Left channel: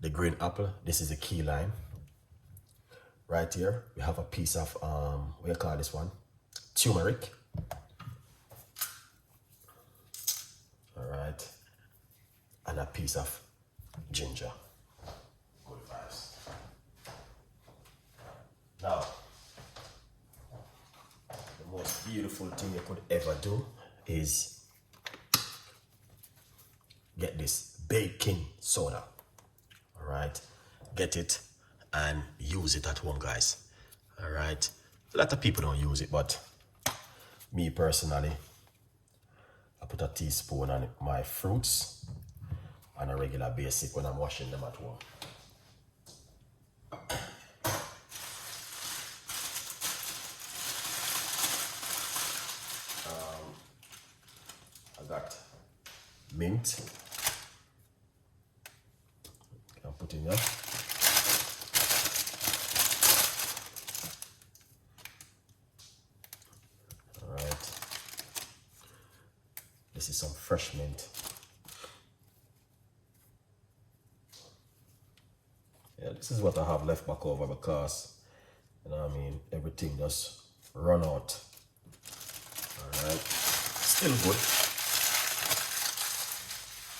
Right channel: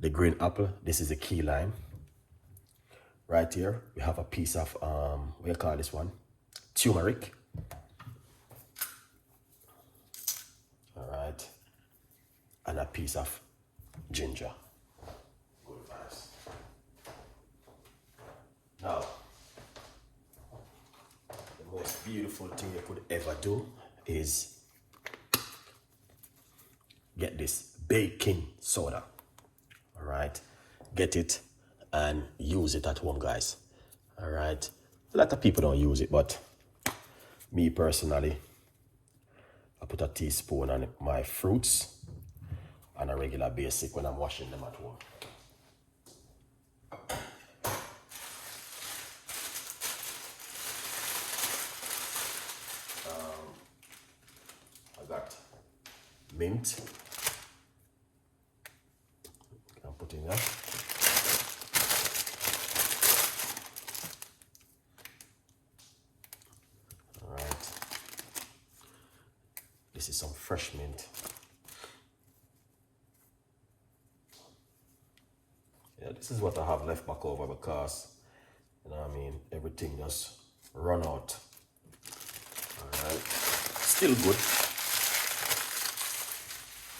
the green apple. This is the key lime. Right here, we have a piece of, what do you call this one? Turmeric. All right. And a piece of ginger. Good vibes. Now, the most beautiful thing you could ever do is get this baking soda. All right. Get it and use it at home, guys. All right. A lot of people don't use it, but me personally, I put a teaspoon on my fruits on a regular basis when I'm washing them at home. I got mint. I'm putting that. All right. This is some fresh mint. Yeah, this is what I have left back over because, you know what I mean, everything just run out. All right. Still good.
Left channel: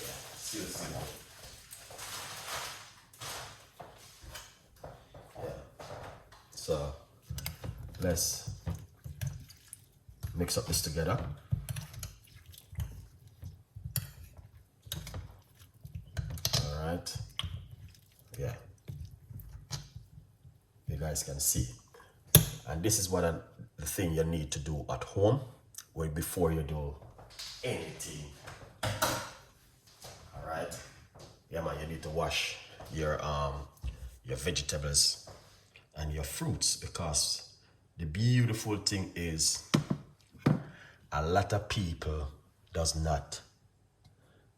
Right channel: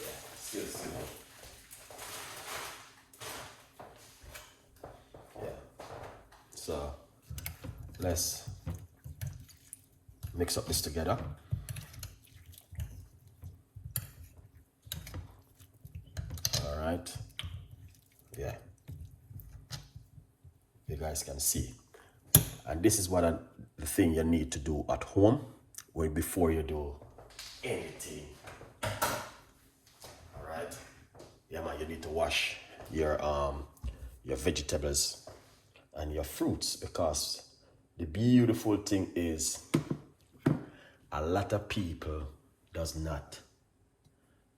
Yeah, still good. Yeah. So let's mix up this together. All right. Yeah. You guys can see. And this is what the thing you need to do at home before you do anything. All right. Yeah, man, you need to wash your vegetables and your fruits, because the beautiful thing is a lot of people does not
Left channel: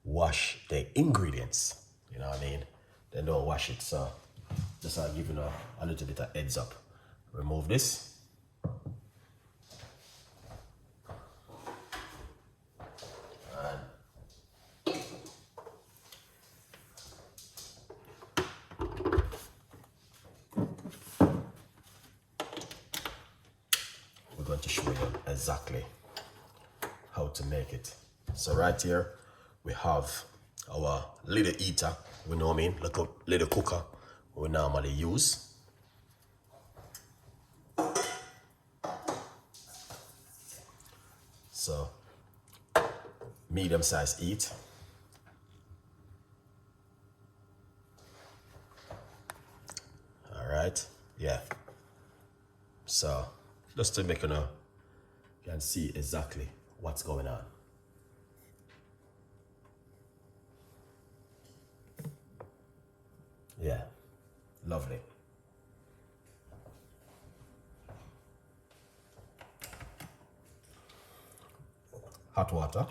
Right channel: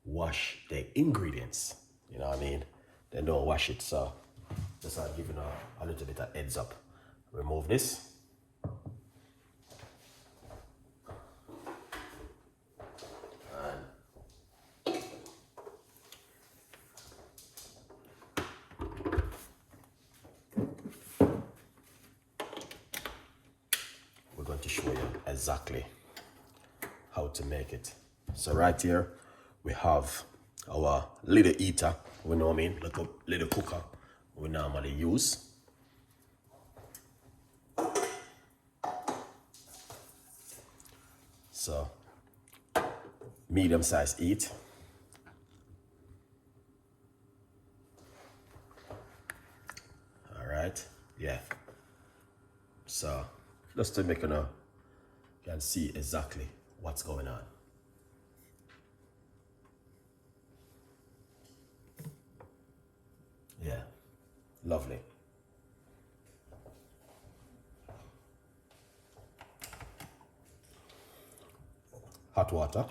wash their ingredients. You know what I mean? They don't wash it. So just giving a little bit of heads up. Remove this. We're going to show you exactly how to make it. So right here we have our little eater, we know what I mean, like a little cooker we normally use. So medium size eat. All right, yeah. So just to make you know, you can see exactly what's going on. Yeah, lovely. Hot water.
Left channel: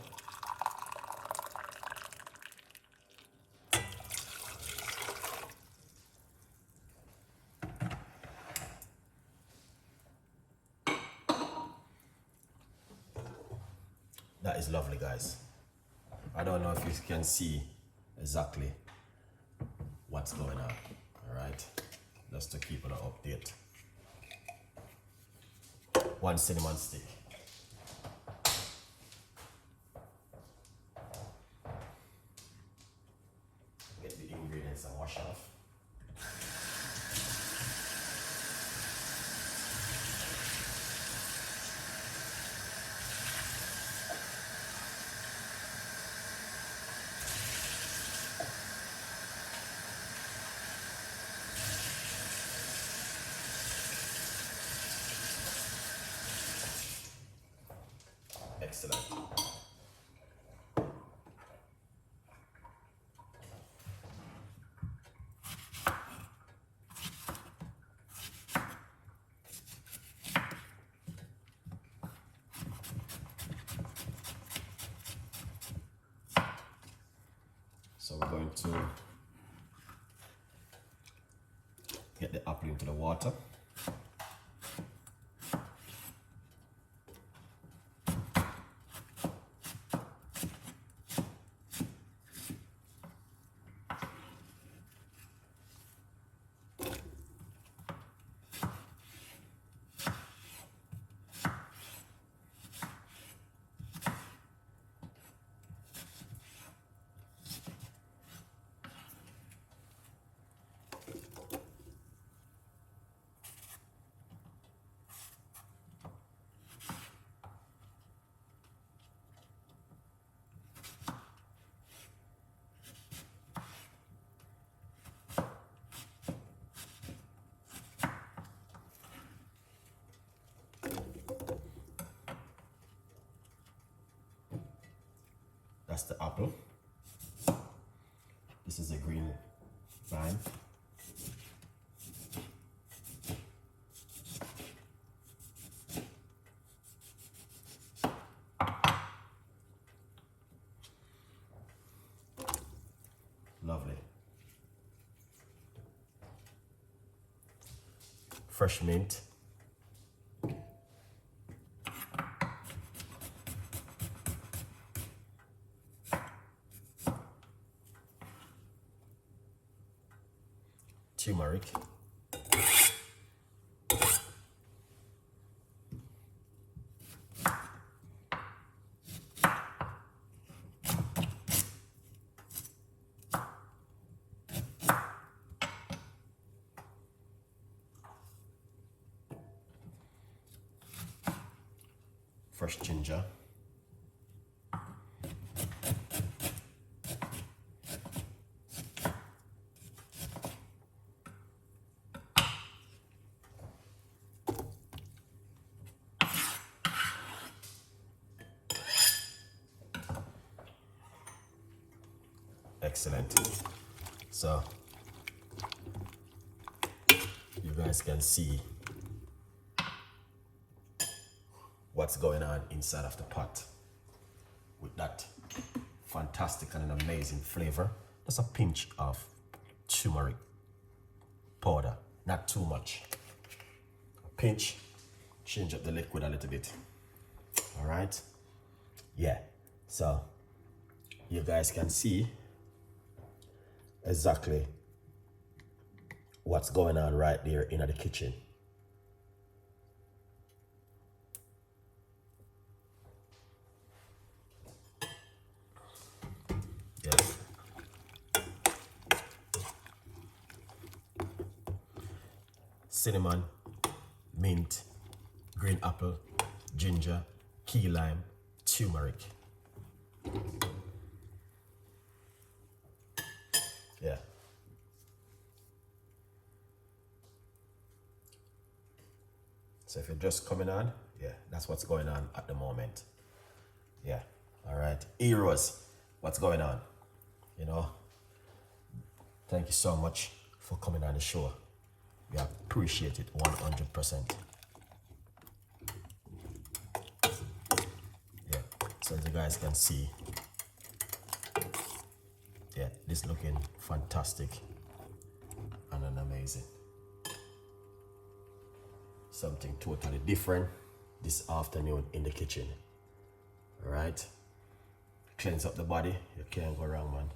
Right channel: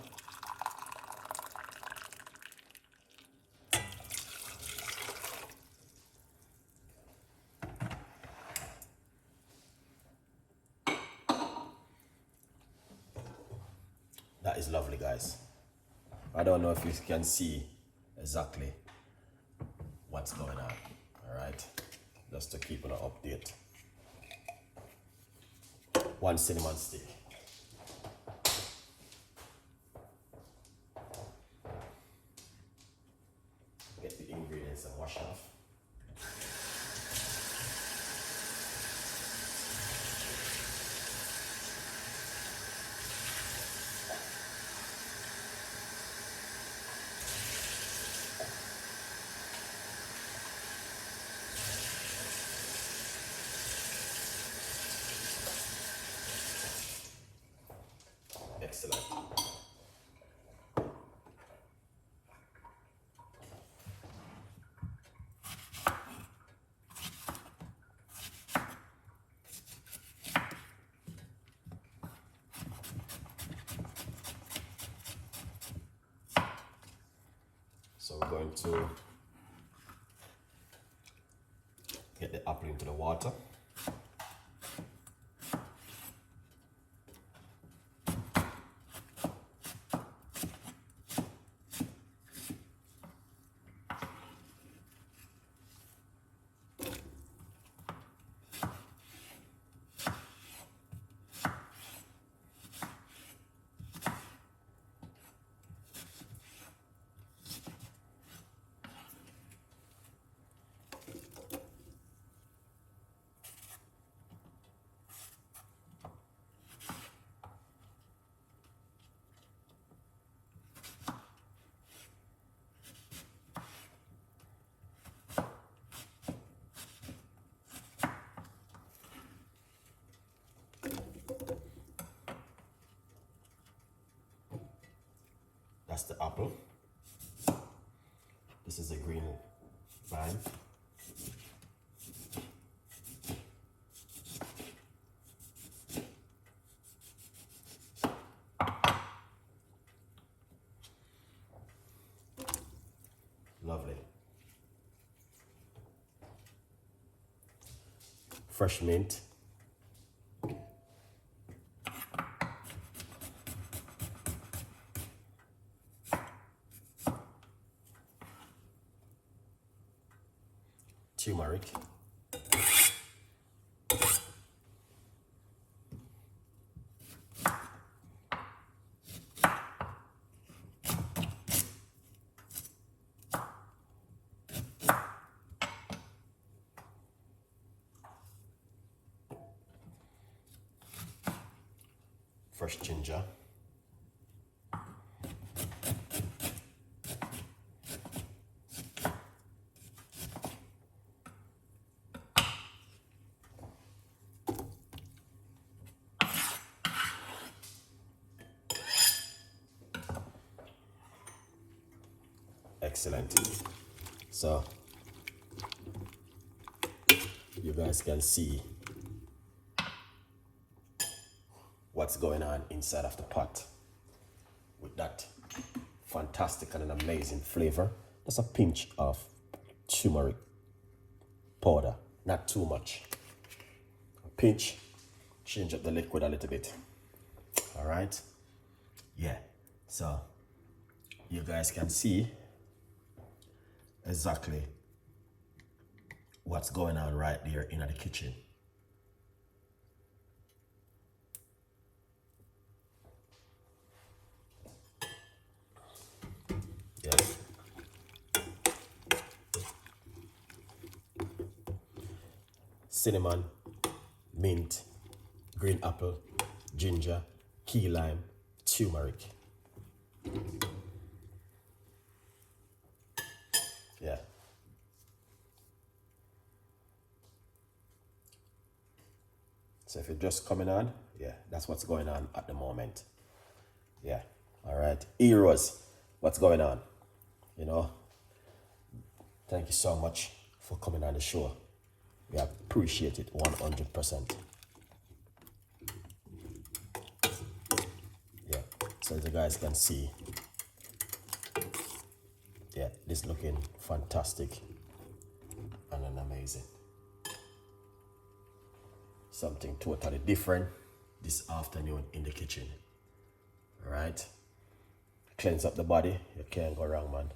That is lovely, guys. I don't know if you can see exactly what's going on. All right, just to keep an update. 1 cinnamon stick. Get the ingredients and wash off. Excellent. So we're going to get the apple into the water. That's the apple. This is a green vine. Lovely. Fresh mint. Turmeric. Fresh ginger. Excellent. So you guys can see what's going on inside of the pot with that fantastic and an amazing flavor. Just a pinch of turmeric powder, not too much. Pinch, change up the liquid a little bit. All right, yeah. So you guys can see exactly what's going on right there in the kitchen. Cinnamon, mint, green apple, ginger, key lime, turmeric. Yeah. So if you're just coming on, yeah, that's what's going on at the moment. Yeah. All right. Heroes, what's going on? You know, thank you so much for coming on the show. We appreciate it 100%. Yeah, so as you guys can see, yeah, this looking fantastic and an amazing. Something totally different this afternoon in the kitchen. All right, cleanse up the body. You can't go wrong, man.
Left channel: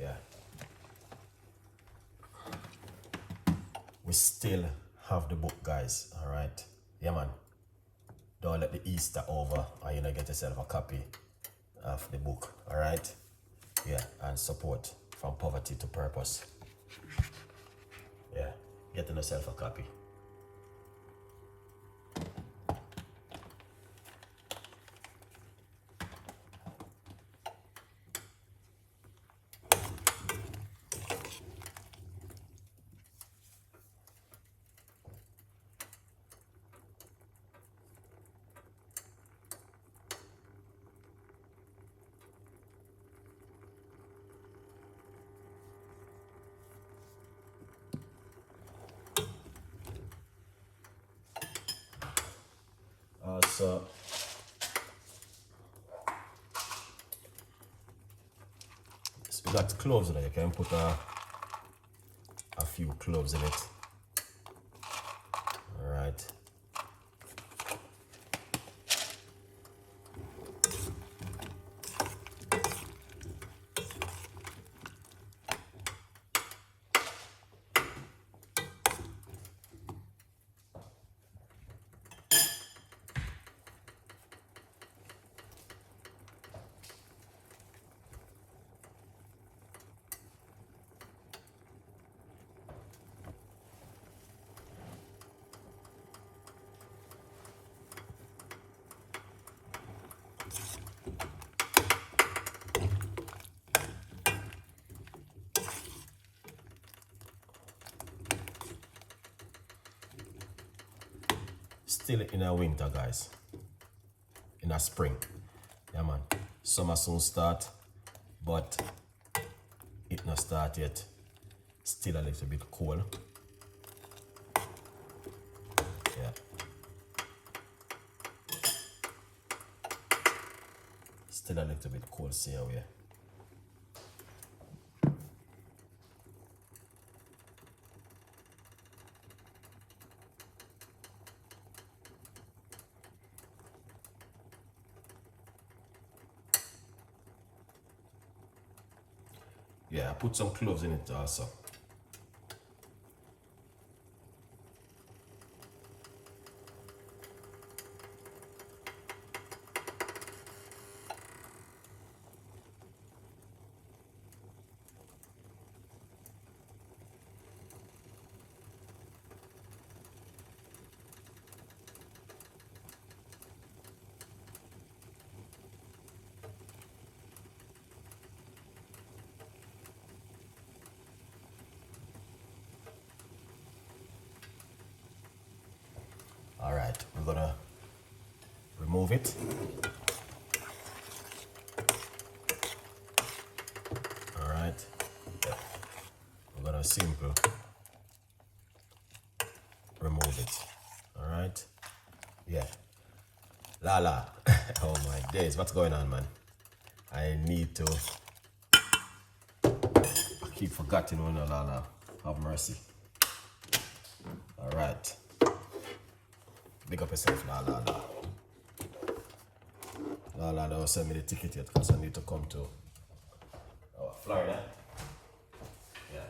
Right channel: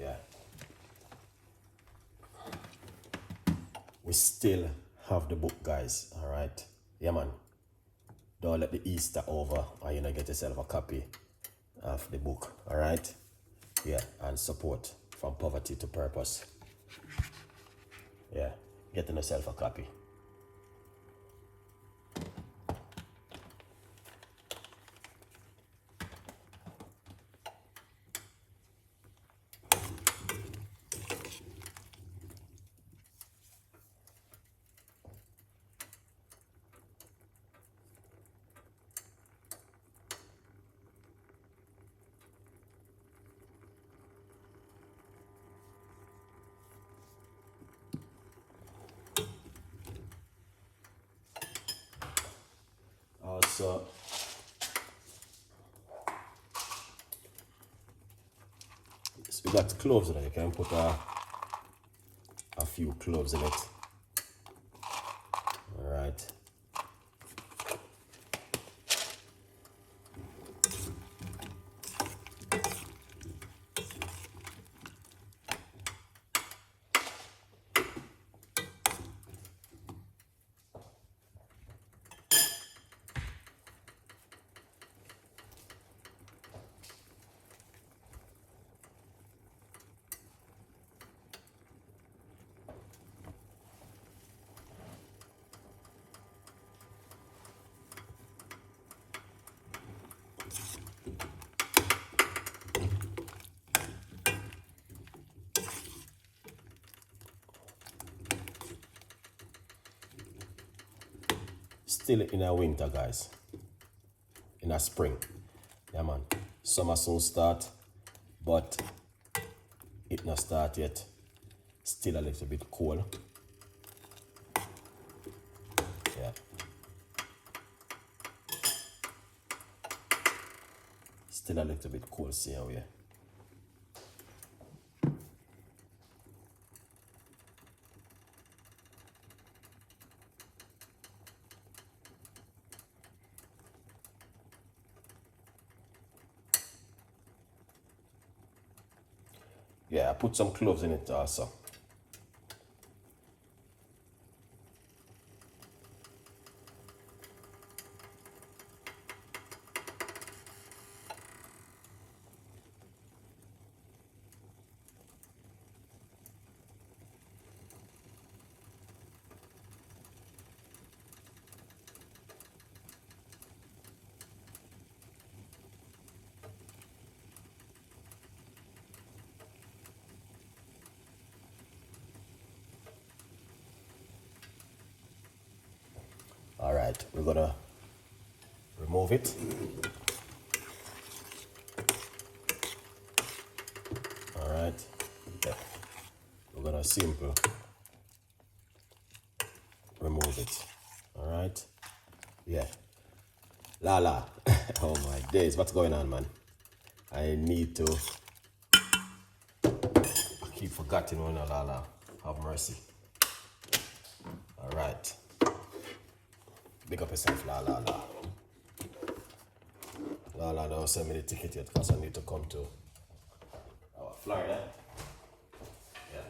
Yeah. We still have the book, guys. All right. Yeah, man. Don't let the Easter over or you know get yourself a copy of the book. All right. Yeah, and support from poverty to purpose. Yeah, getting yourself a copy. So we got cloves in it. You can put a few cloves in it. All right. still in a winter, guys. In a spring. Yeah, man. Summer soon start, but it not start yet. Still a little bit cold. Yeah. Still a little bit cold, see how we. Yeah, I put some cloves in it also. All right, we're gonna remove it. All right, yeah. We're gonna simple remove it. All right, yeah. Lala, oh my days, what's going on, man? I need to. I keep forgetting when Lala. Have mercy. All right. Big up yourself, Lala. Lala don't send me the ticket yet because I need to come to Florida. Yeah.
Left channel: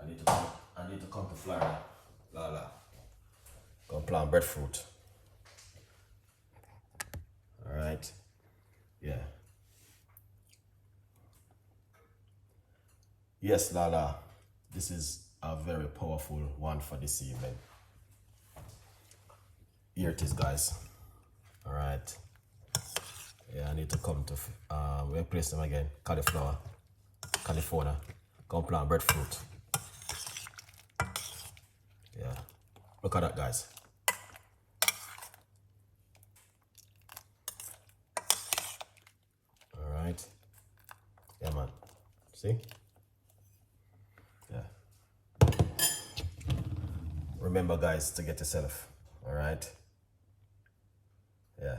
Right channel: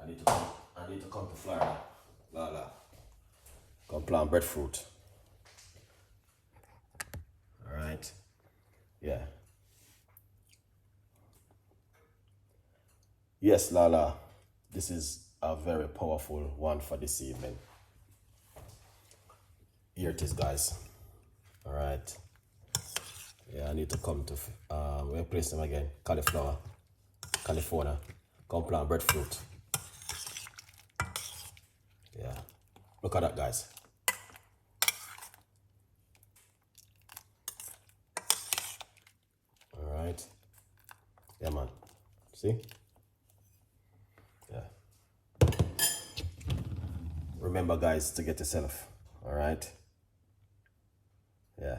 I need to come to Florida. Lala. Come plant breadfruit. Alright. Yeah. Yes, Lala. This is a very powerful one for this evening. Here it is, guys. All right. Yeah, I need to come to where place them again? California. Come plant breadfruit. Yeah. Look at that, guys. All right. Yeah, man. See? Yeah. Remember, guys, to get yourself. All right. Yeah.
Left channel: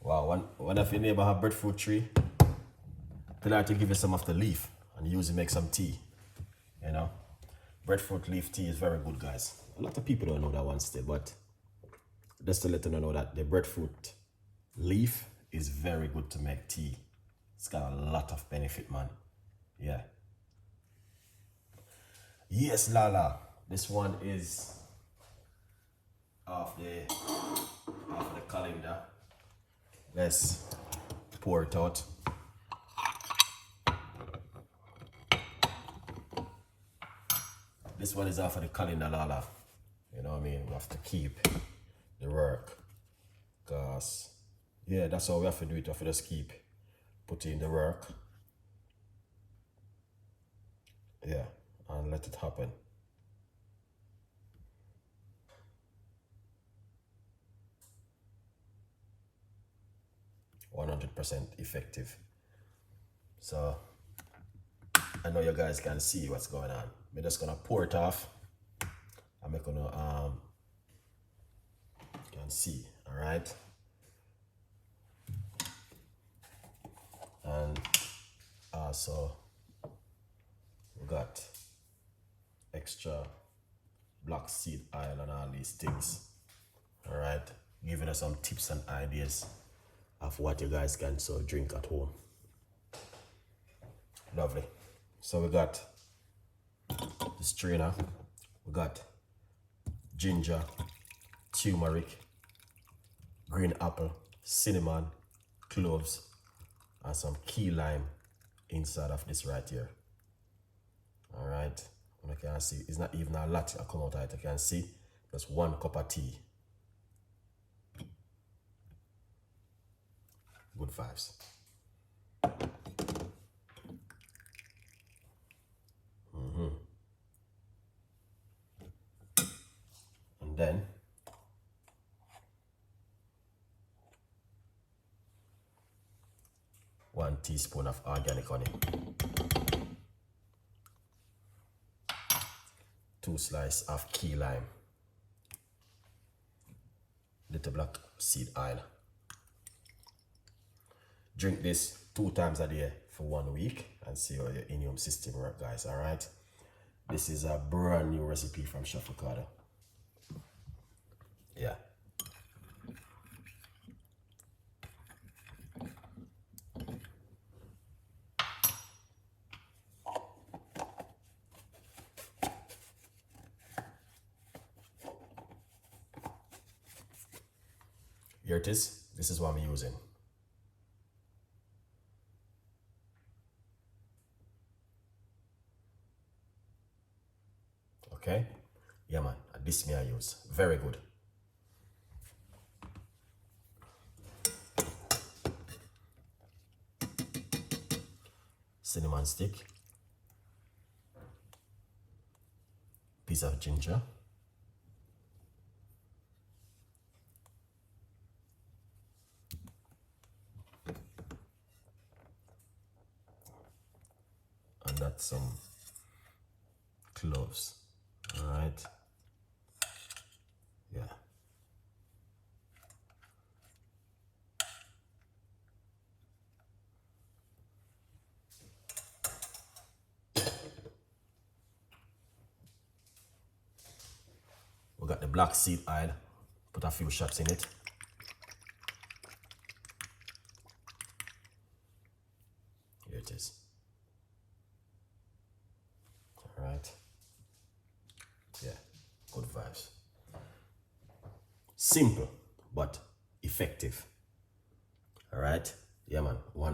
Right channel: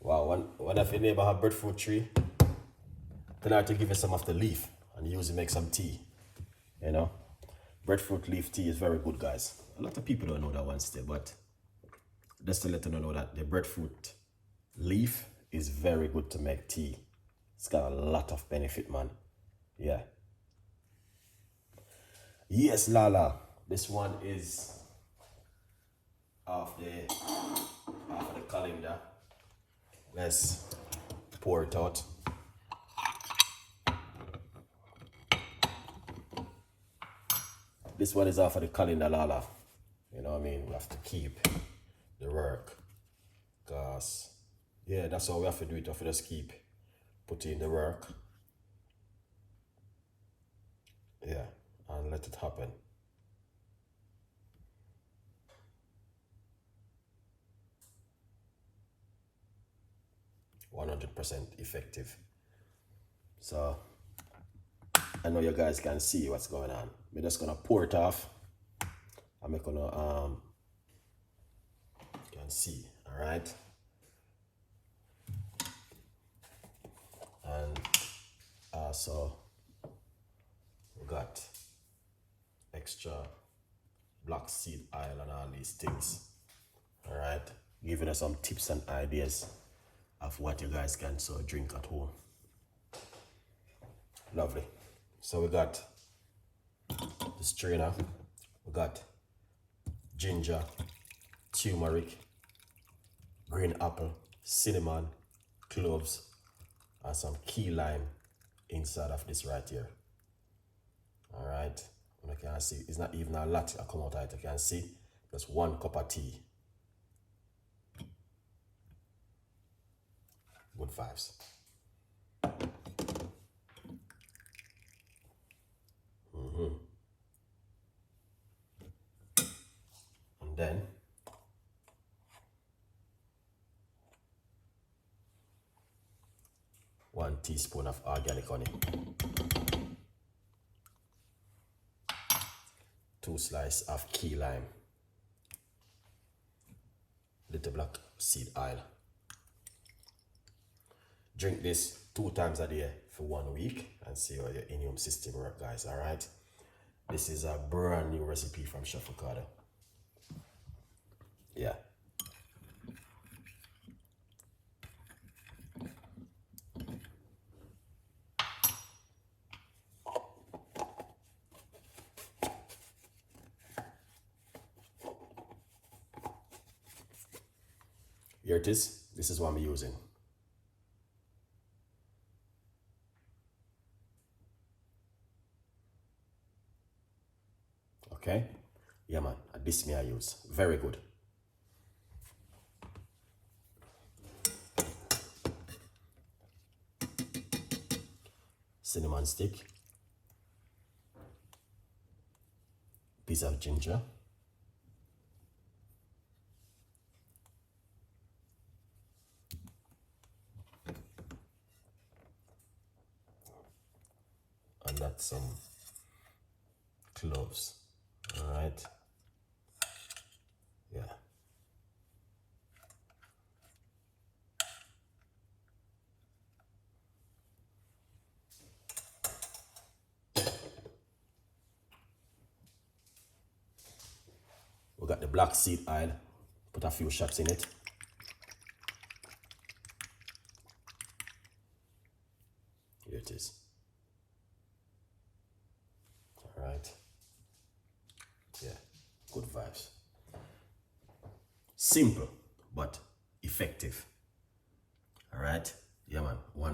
Wow, one of your neighbor have breadfruit tree, tell her to give you some of the leaf and use it to make some tea. You know? Breadfruit leaf tea is very good, guys. A lot of people don't know that one still, but just to let you know that the breadfruit leaf is very good to make tea. It's got a lot of benefit, man. Yeah. Yes, Lala. This one is off the calendar. Let's pour it out. This one is off of the calendar, Lala. You know what I mean? We have to keep the work. Because, yeah, that's how we have to do it. We have to just keep putting the work. Yeah, and let it happen. %100% effective. So I know you guys can see what's going on. We're just gonna pour it off. I'm gonna you can see, all right. And also we got extra black seed oil and all these things. All right, giving us some tips and ideas of what you guys can so drink at home. Lovely. So we got the strainer, we got ginger, turmeric, green apple, cinnamon, cloves, and some key lime inside of this right here. All right, you can see it's not even a lot I come out of it. You can see just 1 cup of tea. Good vibes. And then one teaspoon of organic honey, 2 slices of key lime, little black seed oil. Drink this 2 times a day for 1 week and see how your immune system works, guys. All right, this is a brand new recipe from Chef Ricardo. Yeah. Here it is. This is what I'm using. Okay. Yeah, man. This me I use. Very good. Cinnamon stick. Piece of ginger. And that's some cloves. All right. Yeah. We got the black seed oil. Put a few shots in it. Here it is. All right. Yeah, good vibes. Simple but effective. All right. Yeah, man. One